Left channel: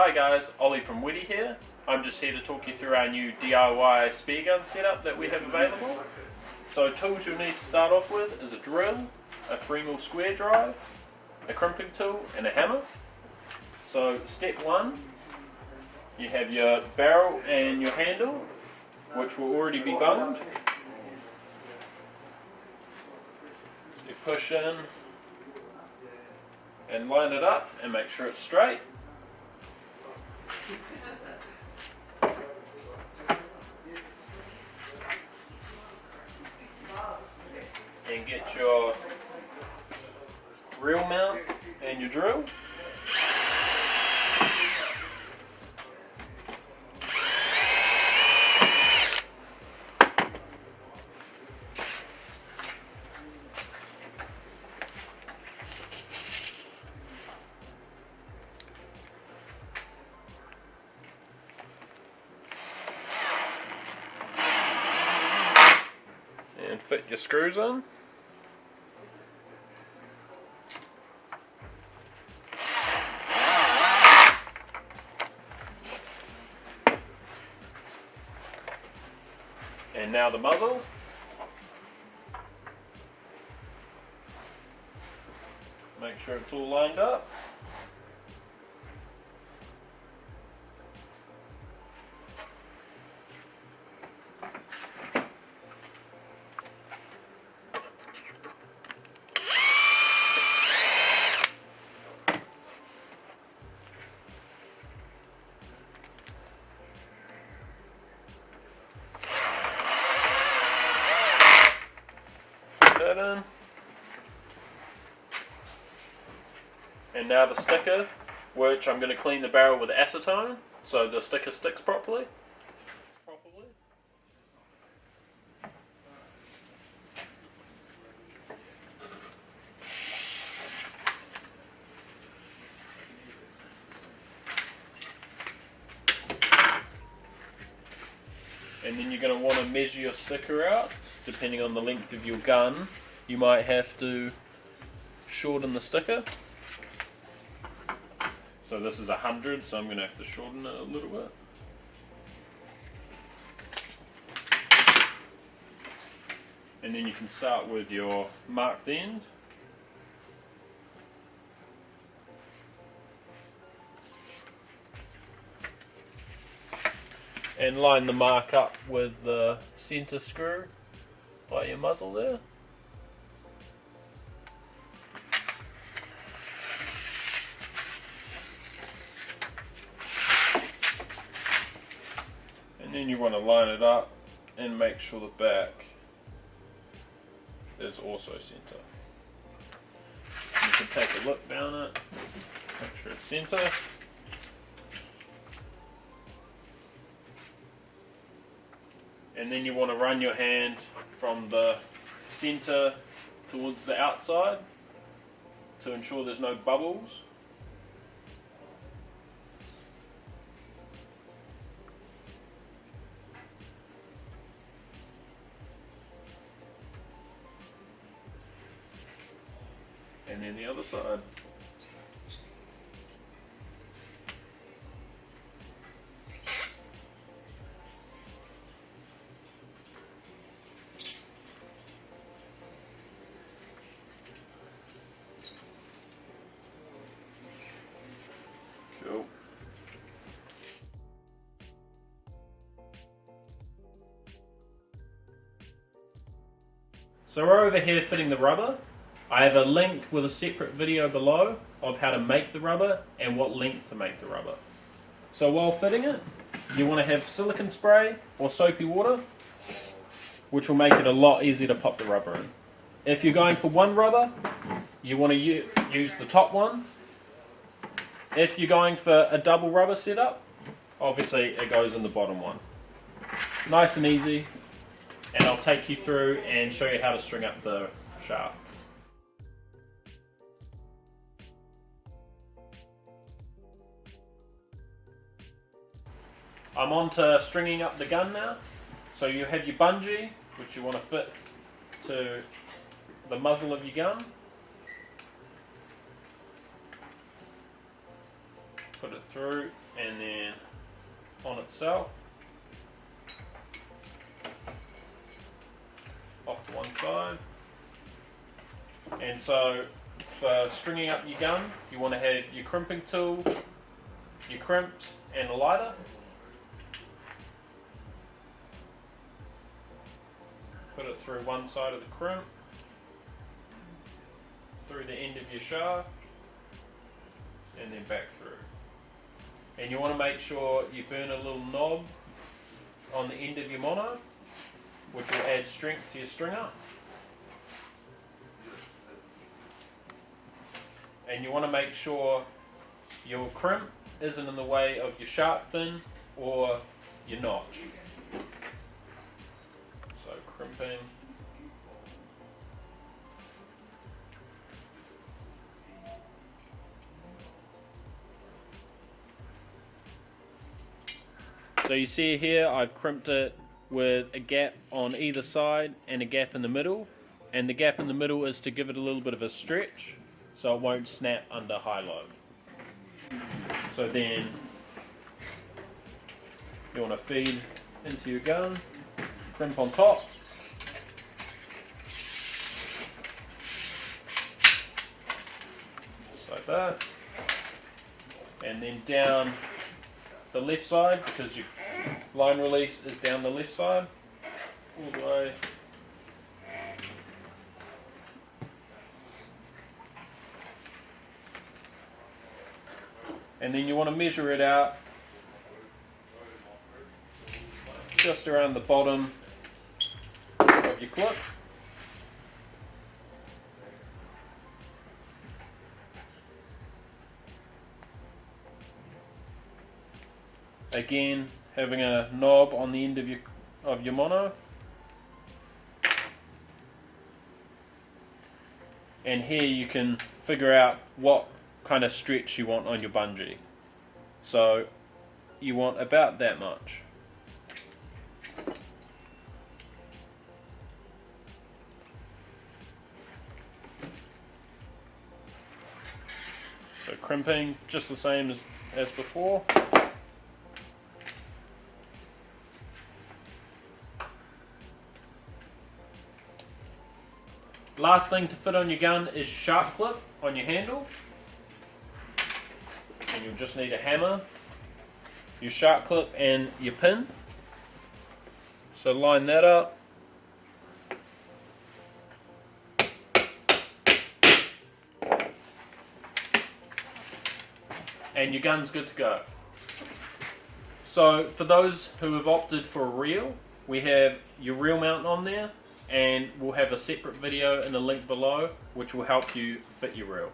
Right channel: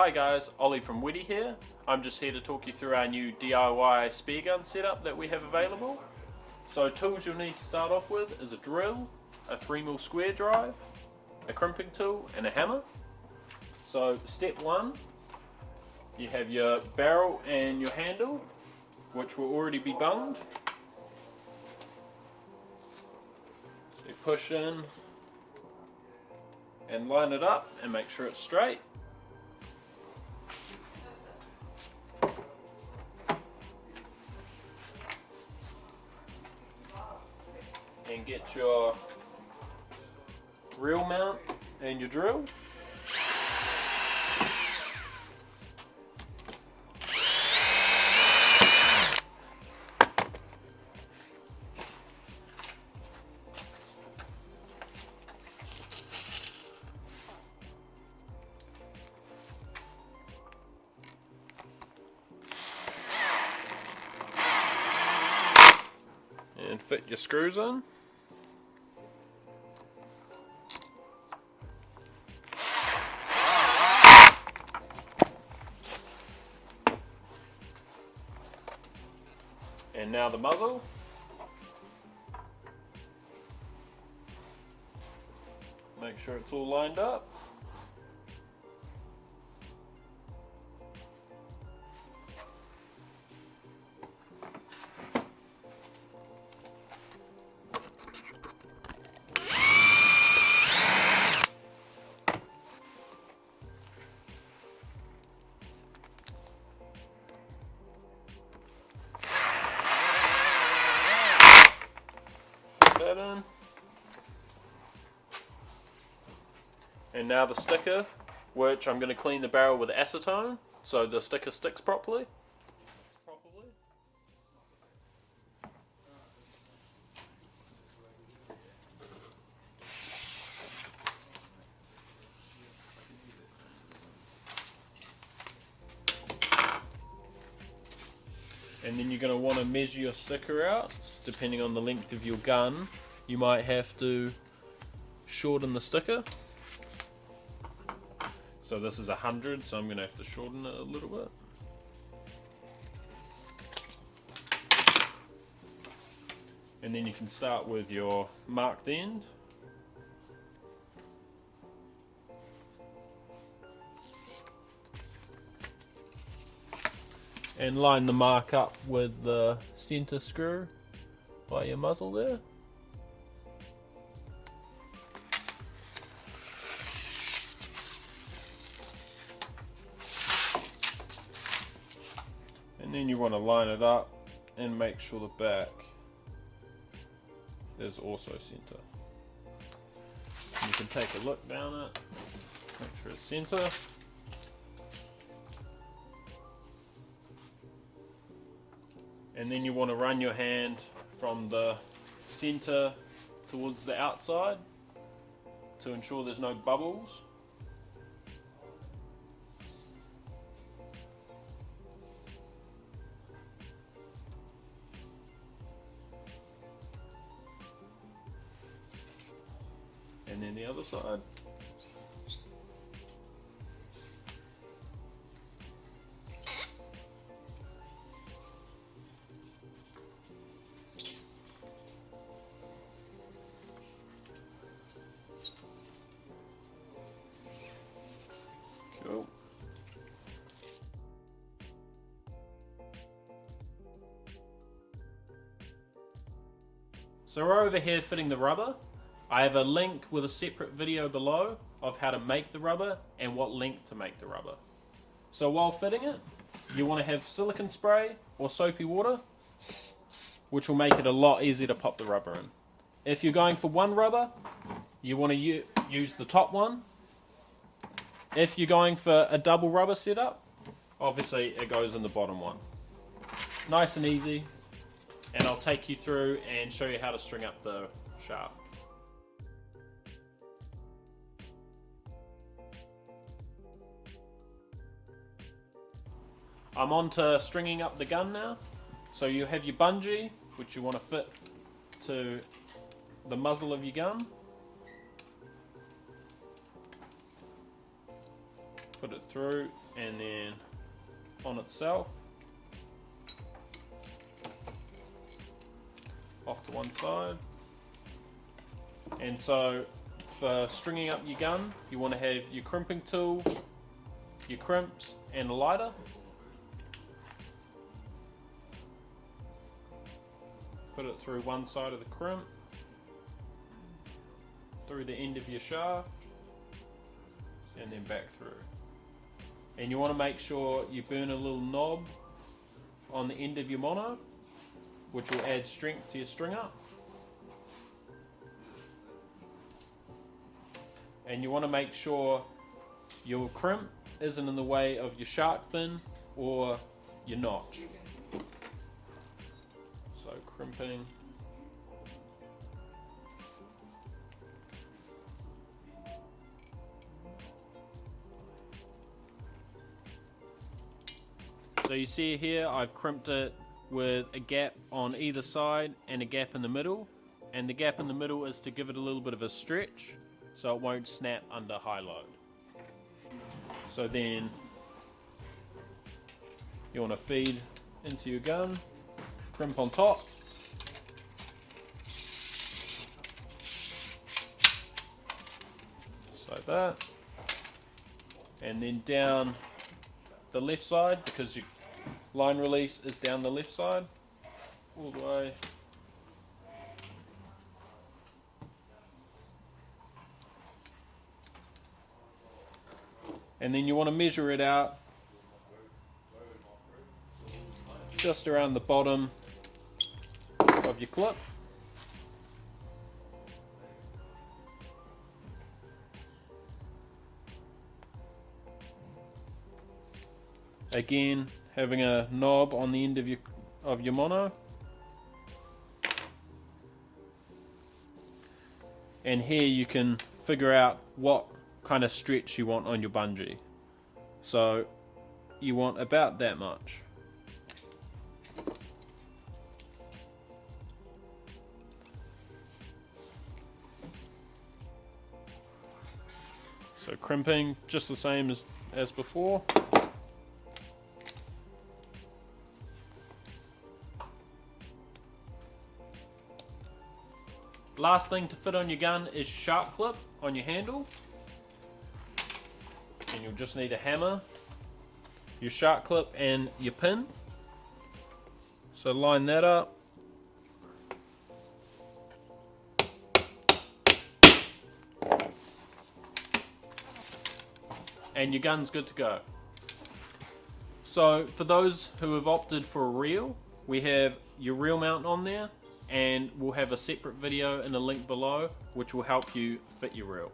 Hi guys, Ollie from Wettie here. I'm just here to talk you through our new DIY Speargun setup that we have available. So tools you'll need to start off with is a drill, a 3mm square drive, a crimping tool and a hammer. So step one, you have your barrel and your handle, which will already be bunged. You push in and line it up and make sure it's straight. And get your reel mount and your drill. Fit your screws in. And now the muzzle. Make sure it's all lined up. And now the sticker, which I'm going to clean the barrel with acetone so the sticker sticks properly. And then you're going to want to measure your sticker out. Depending on the length of your gun, you might have to shorten the sticker. So this is 100, so I'm going to have to shorten it a little bit. And then you can start with your marked end. And line the mark up with the center screw by your muzzle there. You want to line it up and make sure the back is also center. You can take a look down it, make sure it's center. And then you want to run your hand from the center towards the outside to ensure there's no bubbles. And then the other side. Cool. So we're over here fitting the rubber. I have a link with a separate video below of how to make the rubber and what length to make the rubber. So while fitting it, you want to have silicone spray or soapy water, which will make it a lot easier to pop the rubber in. If you're going for one rubber, you want to use the top one. If you're going for a double rubber setup, obviously it goes in the bottom one. Nice and easy, and I'll take you through and show you how to string up the shaft. I'm on to stringing up the gun now. So you have your bungee, which you want to fit to the muzzle of your gun. Put it through so for stringing up your gun, you want to have your crimping tool, your crimps, and a lighter. Put it through one side of the crimp, through the end of your shaft, and then back through. And you want to make sure you burn a little knob on the end of your mono, which will add strength to your stringer. And you want to make sure your crimp isn't in the way of your sharp fin or your notch. So crimping. So you see here I've crimped it with a gap on either side and a gap in the middle, and the gap in the middle is to give it a little bit of a stretch so it won't snap under high load. So then you want to feed into your gun, crimp on top, just like that, and then down the left side, because your line release is down the left side, all the way. And then you want to measure it out just around the bottom of your clip. Again, having a knob on the end of your mono. And here you can figure out what kind of stretch you want on your bungee. So you want about that much. So crimping just the same as before. Last thing to fit on your gun is your sharp clip on your handle. And you'll just need a hammer, your sharp clip and your pin. So line that up. And your gun's good to go. So for those who have opted for a reel, we have your reel mount on there, and we'll have a separate video in a link below which will help you fit your reel.